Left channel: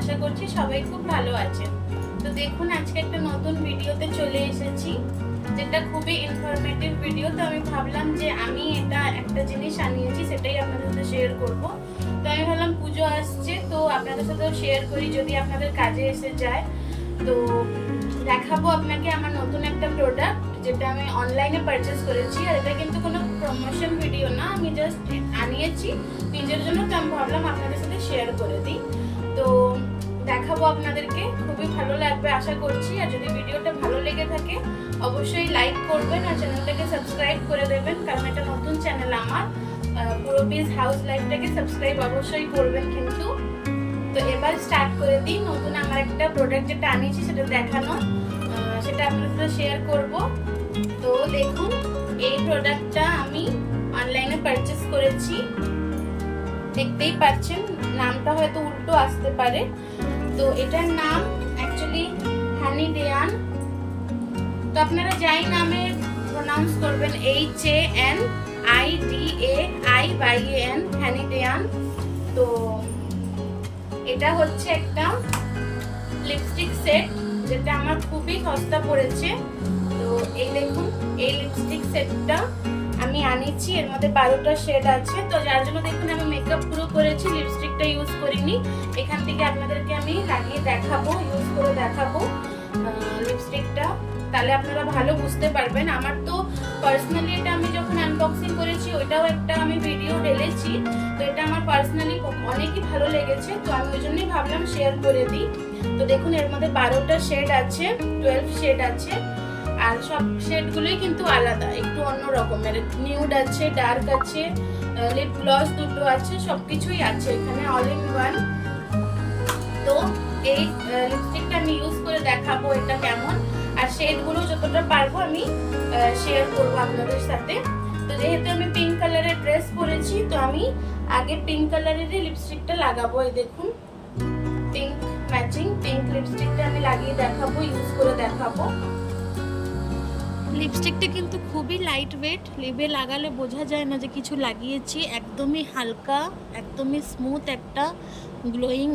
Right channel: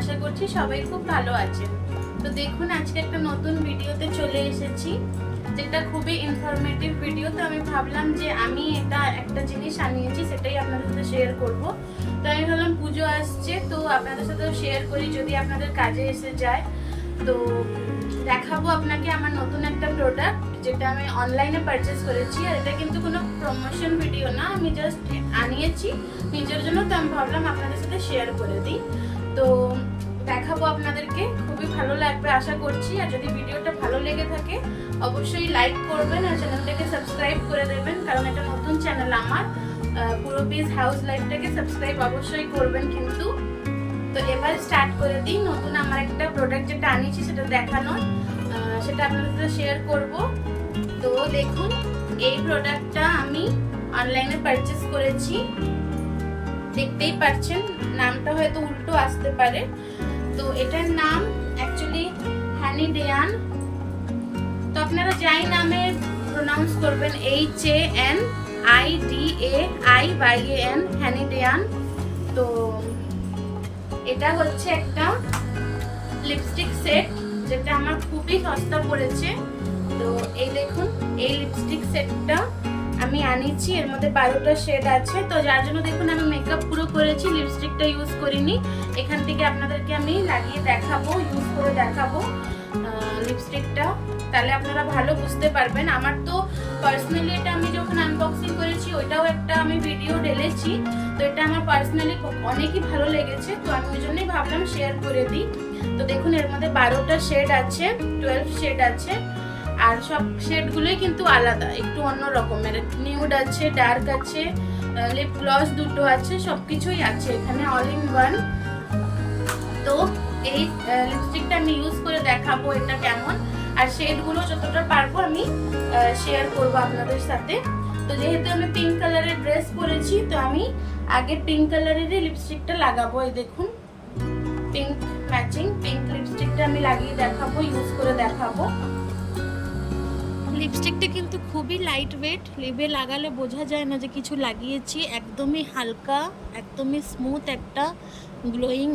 আশা করছি সবাই খুব ভালো আছেন। তো দেখুন আজকে একটা নতুন ভিডিওতে চলে এসেছি, যেটা খুবই ইনফরমেটিভ ভিডিও। তো আমি ভাবলাম যে আমি এটা একটা জিনিস আনিয়েছি, সেটাই আপনাদের সাথে শেয়ার করব। তো আমি ভাবলাম পুজো আসছে, তো আপনাদের সাথেও শেয়ার করি, যদি আপনাদের কাজে এসে যায়। তো দেখাবো আপনাকে আমার নতুন একটা প্রোডাক্ট, যেটা আমি অনলাইনে পারচেস করেছি। আর এটা কিন্তু কোনো প্রমোশন ভিডিও না, আমি জাস্ট আনিয়েছি নিজের জন্য। তো আমি ভাবলাম আপনাদের সাথে শেয়ার করে দিই। তো দেখাবো আপনাদেরকে, খুবই ভালো লাগবে আশা করছি। আর যদি ভিডিওটা ভালো লেগে থাকে অবশ্যই লাইক করবেন আর চ্যানেলটাকে সাবস্ক্রাইব করে দেবেন, কারণ এটা নতুন চ্যানেল আমার। পুরো পিস হাউস লাইফটাকে সাবস্ক্রাইব অবশ্যই করবেন কিন্তু। তো এবার স্টার্ট করে দিই। নতুন আমার একটা প্রোডাক্ট যেটা আনিয়েছি সেটা দেখানো, সেটা আপনাদের সাথে শেয়ার করব। তো দেখুন, এই প্রোডাক্টটা আমি অনলাইনে পারচেস করেছি। দেখতেই পাচ্ছেন, নামটা হয়তো উল্টো আসতে পারে। তো এটার নাম অ্যাকচুয়ালি হ্যানিডেয়ান। তো আপনারা যাই নামে প্রোনাউন্স করবেন, HANIDAIYAN, হ্যানিডেয়ান। তো এটা হচ্ছে একটা লিপস্টিক সেট, যেটা আমার খুবই সস্তা পড়েছে। তো এই দেখুন, এই লিপস্টিক সেটটা আমি আনিয়েছি। এর মধ্যে 12টা শেড আছে। তো যার জন্য দেখুন আমি মেকআপ পুরো করেছি, লিপস্টিকটা ইউজ করিনি। এখান থেকে আপনাদেরকে আমি লাগিয়ে দেখাবো, ইউজ করে দেখাবো লিপস্টিকটা, তাহলে আপনারা ভালো বুঝতে পারবেন। আমার তো পার্সোনালি এটা আমি যখন আনবক্সিং করেছি ওইটাও একটা আমি ভিডিও ঢেলেছি। তো এটা আমার পার্সোনালি অনেকই ভালো লেগেছে, তো আমি ওই জন্যই ভাবলাম শেয়ার করে দিই। তো দেখুন এর মধ্যে 12টা শেড আছে, 12 শেড আছে। আর সব শেডগুলোই কিন্তু আলাদা, একটু অন্য রকমের। নিউড আছে, ডার্ক আছে, লিপ গ্লস দুটো আছে, সবকিছুই আছে এখানে, অল ইন ওয়ান। তো এই লিপস্টিকটা আমি ইউজ করে দেখাবো এটা কেমন, আর শেডগুলো যতটা পারবো আমি শেয়ার করবো আপনাদের সাথে। তো যেহেতু আমি পিঙ্ক কালারের ড্রেস পরেছি, তো আমি আগে পিঙ্ক কালারেরই লিপস্টিকটা লাগাবো। এই দেখুন, পিঙ্ক ম্যাচিং পিঙ্ক লিপস্টিকটা আমি লাগিয়ে দেখাবো, ইউজ করে দেখাবো। লিপস্টিকটা কিন্তু খুবই লাইট ওয়েট, লিপে লাগালে বোঝা যায় না যে কিছু লাগিয়েছি। একদমই হালকা, একদমই স্মুথ একটা গ্লোয়িং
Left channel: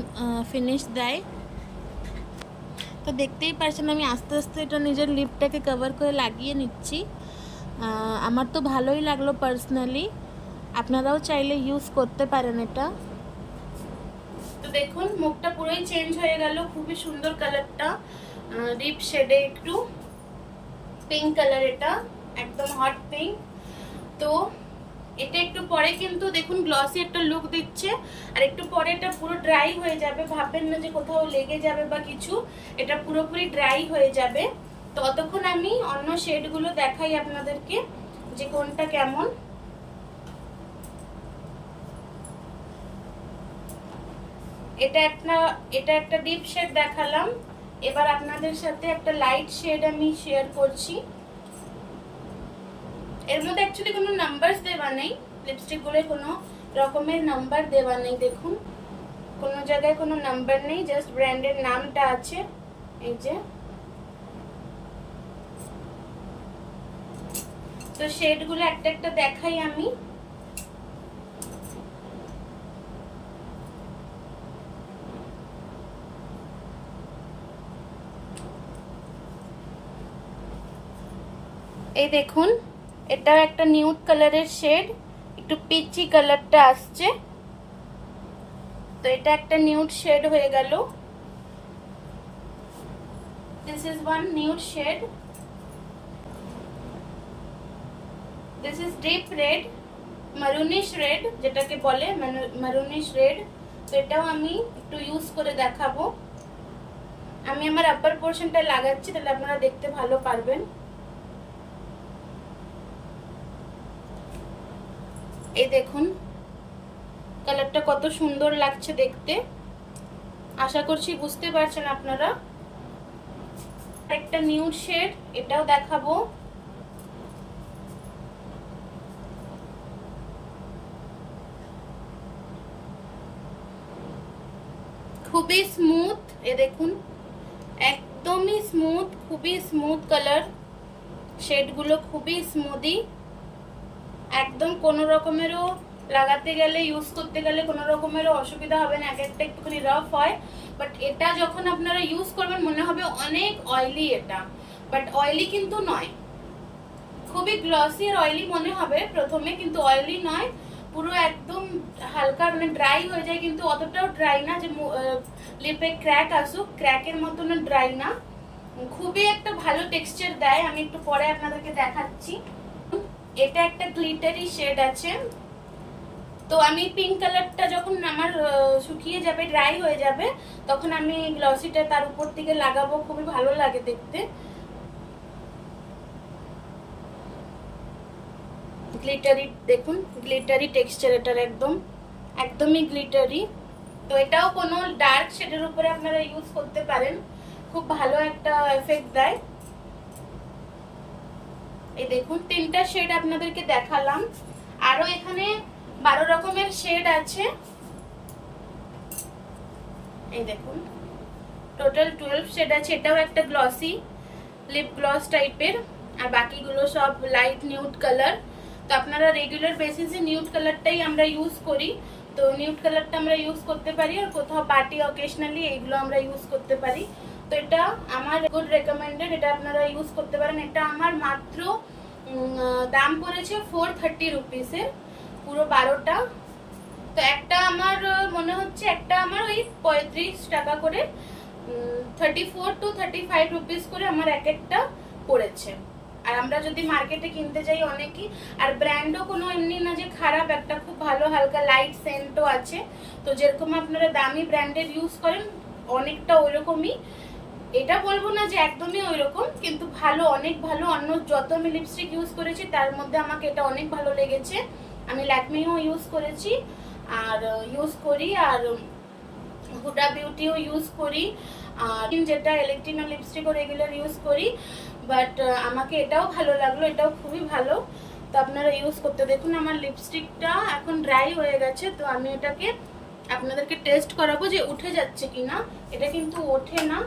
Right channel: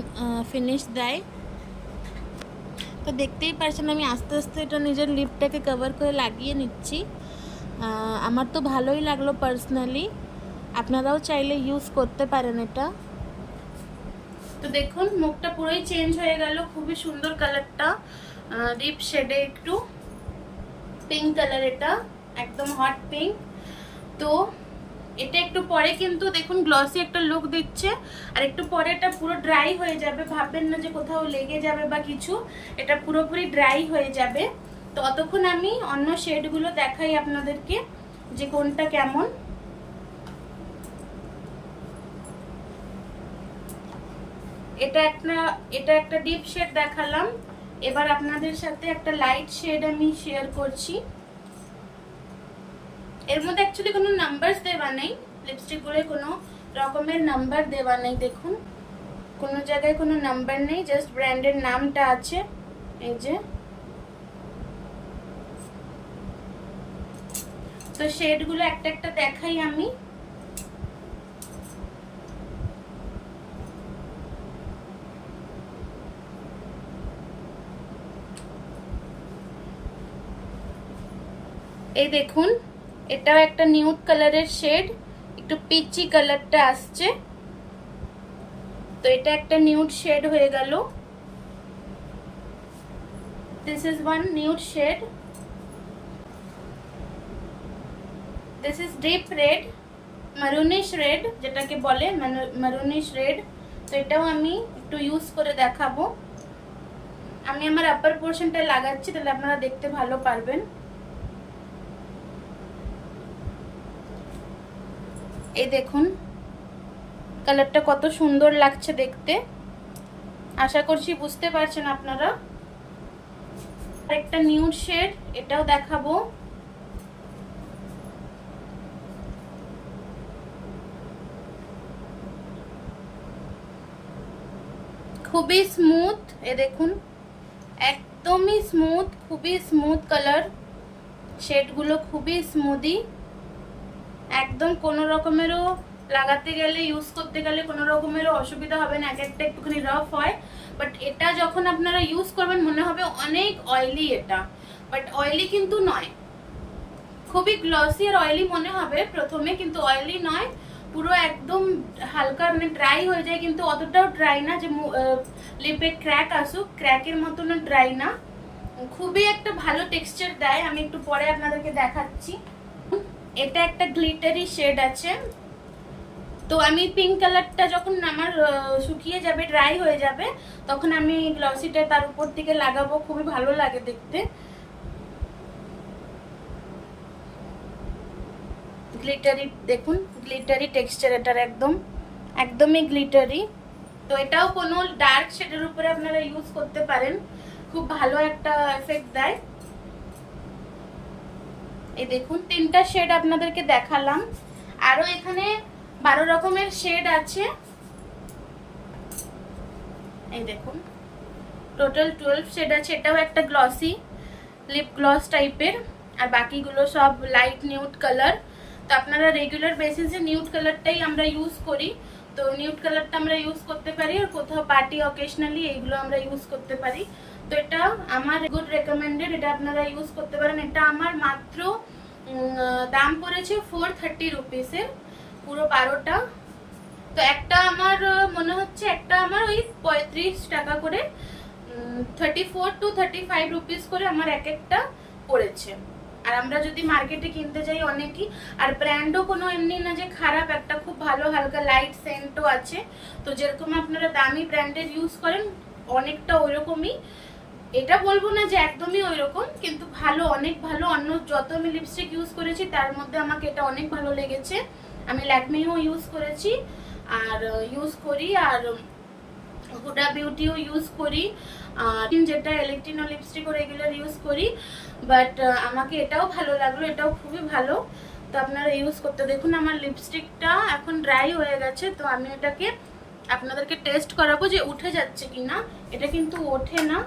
ফিনিশ দেয়। তো দেখতেই পারছেন আমি আস্তে আস্তে এটা নিজের লিপটাকে কভার করে লাগিয়ে নিচ্ছি। আমার তো ভালোই লাগলো পার্সোনালি, আপনারাও চাইলে ইউজ করতে পারেন এটা। তো দেখুন মুখটা পুরোই চেঞ্জ হয়ে গেল, খুবই সুন্দর কালারটা, ডিপ শেডে একটু পিঙ্ক কালার, এটা একদম হট পিঙ্ক। তো এটা একটু পরে কিন্তু দেখুন গ্লসি একটা লুক দিচ্ছে, আর একটু পরে এটা পুরো ড্রাই হয়ে যাবে। ভাববেন না যে কোথাও লেগে যাবে বা কিছু, এটা পুরোপুরি ড্রাই হয়ে যাবে। তো ততক্ষণ আমি অন্য শেডগুলো দেখাই আপনাদেরকে যে কোনটা কেমন। এটা একটা ডিপ শেড দেখালাম। এবার আপনাদের সাথে একটা লাইট শেড আমি শেয়ার করছি। এর মধ্যে অ্যাকচুয়ালি কোনো নাম্বারস দেওয়া নেই, লিপস্টিকগুলোয় কোনো রকমের নাম্বার দেওয়া নেই। দেখুন কোনো জায়গায় কোনো নাম্বার নেই, জাস্ট ব্র্যান্ডের নামটা আছে। এই যে, তো শেডগুলো একটা একটা দেখাই আমি। এই দেখুন, এটাও একটা নিউড কালারের শেড, একটু পিচি কালারটা আসছে। তো এটা একটা নিউড শেড হয়ে গেল। This is one nude shade. This is deep red, maroonish red যেটাকে বলে, মারুনিশ রেড। তো এটাও আমি একটু ইউজ করে দেখাবো। আমি আমার আপার পোর্শনটা লাগাচ্ছি, তাহলে আপনারা দেখতে ভালো পারবেন। এই দেখুন কালারটা কত সুন্দর লাগছে দেখতে, আশা করছি বুঝতে পারছেন আপনারা। একটা নিউড শেড, এটাও দেখাবো। খুবই স্মুথ, এ দেখুন একদমই স্মুথ, খুবই স্মুথ কালার। শেডগুলো খুবই স্মুদি, একদম কোনো রকমেরও লাগাতে গেলে ইউজ করতে গেলে কোনো রকমেরও অসুবিধা হবে না, এক একটা একটুখানি রাফ হয়। বাট এটা যখন আপনারা ইউজ করবেন মনে হবে অনেক অয়েলি এটা, বাট অয়েলি কিন্তু নয়, খুবই গ্লসি আর অয়েলি মনে হবে প্রথমে, কিন্তু অয়েলি নয়, পুরো একদম হালকা মানে ড্রাই হয়ে যায়, কিন্তু অতটাও ড্রাই না যে লিপে ক্র্যাক আসুক, ক্র্যাকের মতন ড্রাই না, খুবই একটা ভালো টেক্সচার দেয়। আমি একটু পরে আপনাদেরকে দেখাচ্ছি। এটা একটা গ্লিটারি শেড আছে, তো আমি পিঙ্ক কালারটা যখন আমার শুকিয়ে যাবে, ড্রাই হয়ে যাবে, তখন আমি গ্লসিটা তার উপর থেকে লাগাবো, খুবই ভালো লাগে দেখতে। গ্লিটারি দেখুন, গ্লিটারি টেক্সচার এটার একদমই গ্লিটারি। তো এটাও কোনো ডার্ক শেডের উপরে আপনারা ইউজ করতে পারেন, খুব ভালো একটা এফেক্ট দেয়। এই দেখুন 3টা শেড আপনাদেরকে দেখালাম, আরো এখানে 12 রকমের শেড আছে। এই দেখুন টোটাল 12 শেড আছে। এটাও একটা গ্লসি লিপ গ্লস টাইপের, আর বাকিগুলো সব লাইট নিউড কালার। তো আপনারা রেগুলার বেসিসে নিউড কালারটাই আমরা ইউজ করি, তো নিউড কালারটা আমরা ইউজ করতে পারি, আর কোথাও পার্টি অকেশনালি এইগুলো আমরা ইউজ করতে পারি। তো এটা আমার গুড রেকমেন্ডেড, এটা আপনারা ইউজ করতে পারেন। এটা আমার মাত্র দাম পড়েছে 430 রুপিসের, পুরো 12টা। তো একটা আমার মনে হচ্ছে একটা আমার ওই 35 টাকা করে, 34 to 35 রুপিস করে আমার এক একটা পড়েছে। আর আমরা যদি মার্কেটে কিনতে যাই অনেকই, আর ব্র্যান্ডও কোনো এমনি না যে খারাপ, একটা খুব ভালো হালকা লাইট সেন্টও আছে। তো যেরকম আপনারা দামি ব্র্যান্ডের ইউজ করেন অনেকটা ওইরকমই, এটা বলবো না যে একদমই ওইরকম, কিন্তু ভালো, অনেক ভালো। অন্য যত আমি লিপস্টিক ইউজ করেছি তার মধ্যে আমাকে এটা অনেক ভালো লেগেছে। আমি ল্যাকমিও ইউজ করেছি আর ইউজ করি, আর হুডা বিউটিও ইউজ করি, আর যেটা ইলেকট্রিনো লিপস্টিক ও রেগুলার ইউজ করি। বাট আমাকে এটাও ভালো লাগলো, এটাও খুবই ভালো। তো আপনারা ইউজ করতে দেখুন। আমার লিপস্টিকটা এখন ড্রাই হয়ে গেছে, তো আমি এটাকে আপনাদেরকে টেস্ট করাবো যে উঠে যাচ্ছে কিনা। এটা কিন্তু ওঠে না,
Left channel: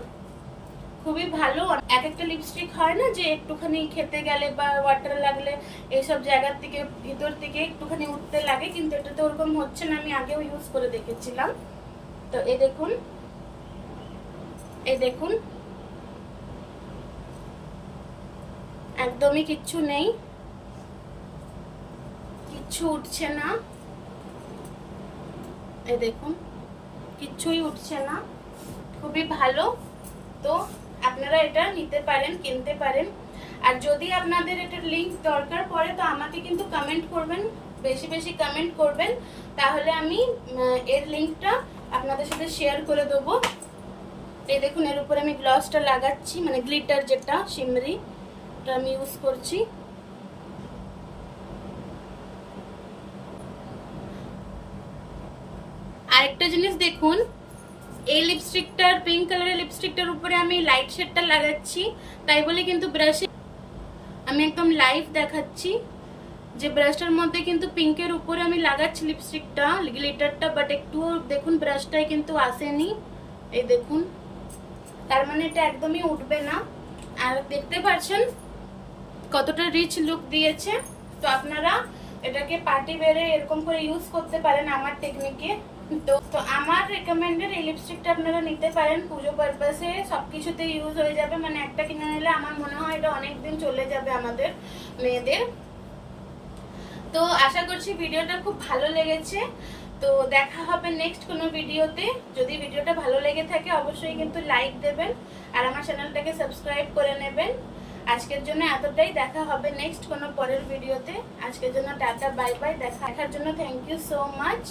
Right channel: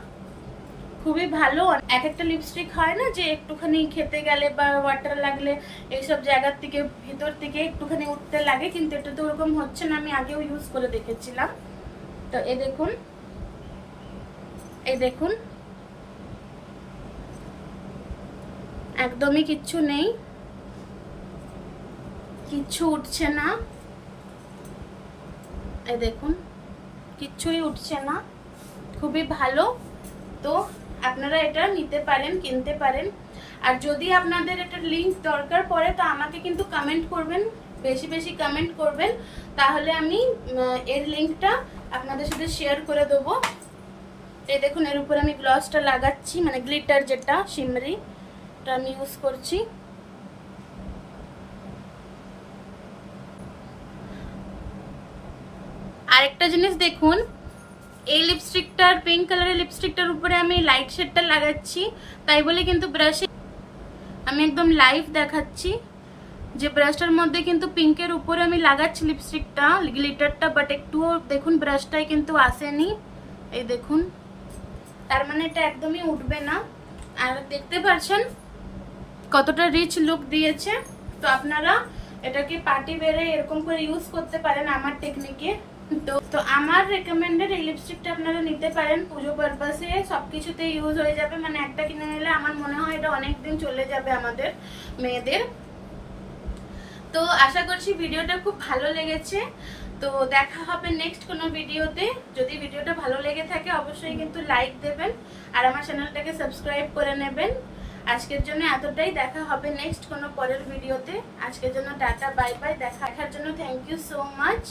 খুবই ভালো। এক একটা লিপস্টিক হয় না যে একটুখানি খেতে গেলে বা ওয়াটার লাগলে এইসব জায়গার থেকে ভিতর থেকে একটুখানি উঠতে লাগে, কিন্তু এটা তো ওরকম হচ্ছে না, আমি আগেও ইউজ করে দেখেছিলাম। তো এই দেখুন, এই দেখুন একদমই কিচ্ছু নেই, কিচ্ছু উঠছে না। এই দেখুন কিচ্ছুই উঠছে না, খুবই ভালো। তো আপনারা এটা নিতে পারেন, কিনতে পারেন। আর যদি আপনাদের এটার লিংক দরকার পড়ে তো আমাকে কিন্তু কমেন্ট করবেন, বেশি বেশি কমেন্ট করবেন, তাহলে আমি এর লিংকটা আপনাদের সাথে শেয়ার করে দেবো। এই দেখুন এর উপর আমি গ্লসটা লাগাচ্ছি, মানে গ্লিটার যেটা শিমরি, এটা আমি ইউজ করছি। আরেকটা জিনিস দেখুন, এই লিপস্টিকটার, পিঙ্ক কালারের লিপস্টিকটার উপরে আমি লাইট শেডটা লাগাচ্ছি, তাই বলে কিন্তু ব্রাশে আমি একদম লাইভ দেখাচ্ছি যে ব্রাশটার মধ্যে কিন্তু পিঙ্কের উপরে আমি লাগাচ্ছি লিপস্টিকটা, গ্লিটারটা, বাট একটুও দেখুন ব্রাশটায় কিন্তু আসেনি। এই দেখুন, তার মানে এটা একদমই উঠবে না। আর দেখতে পাচ্ছেন কতটা রিচ লুক দিয়েছে। তো আপনারা এটাকে পার্টি বেরে এরকম করে ইউজ করতে পারেন আমার টেকনিকে। তো আমার রেকমেন্ডেড এই লিপস্টিকটা আপনারা নিতে পারেন, পুজো পারপাসে সবকিছুতে ইউজ হয়ে যাবে। মানে একটা কিনে নিলে আমার মনে হয় এটা অনেকদিন চলে যাবে আমাদের মেয়েদের। তো আশা করছি ভিডিওটা খুব ভালো লেগেছে। তো দেখা হবে নেক্সট কোনো ভিডিওতে। যদি ভিডিওটা ভালো লেগে থাকে অবশ্যই কিন্তু লাইক দেবেন আর আমার চ্যানেলটাকে সাবস্ক্রাইব করে নেবেন। আজকের জন্য এতটাই, দেখা হবে নেক্সট কোনো পরের ভিডিওতে। আজকের জন্য টাটা, বাই বাই। দেখার জন্য থ্যাংক ইউ সো মাচ।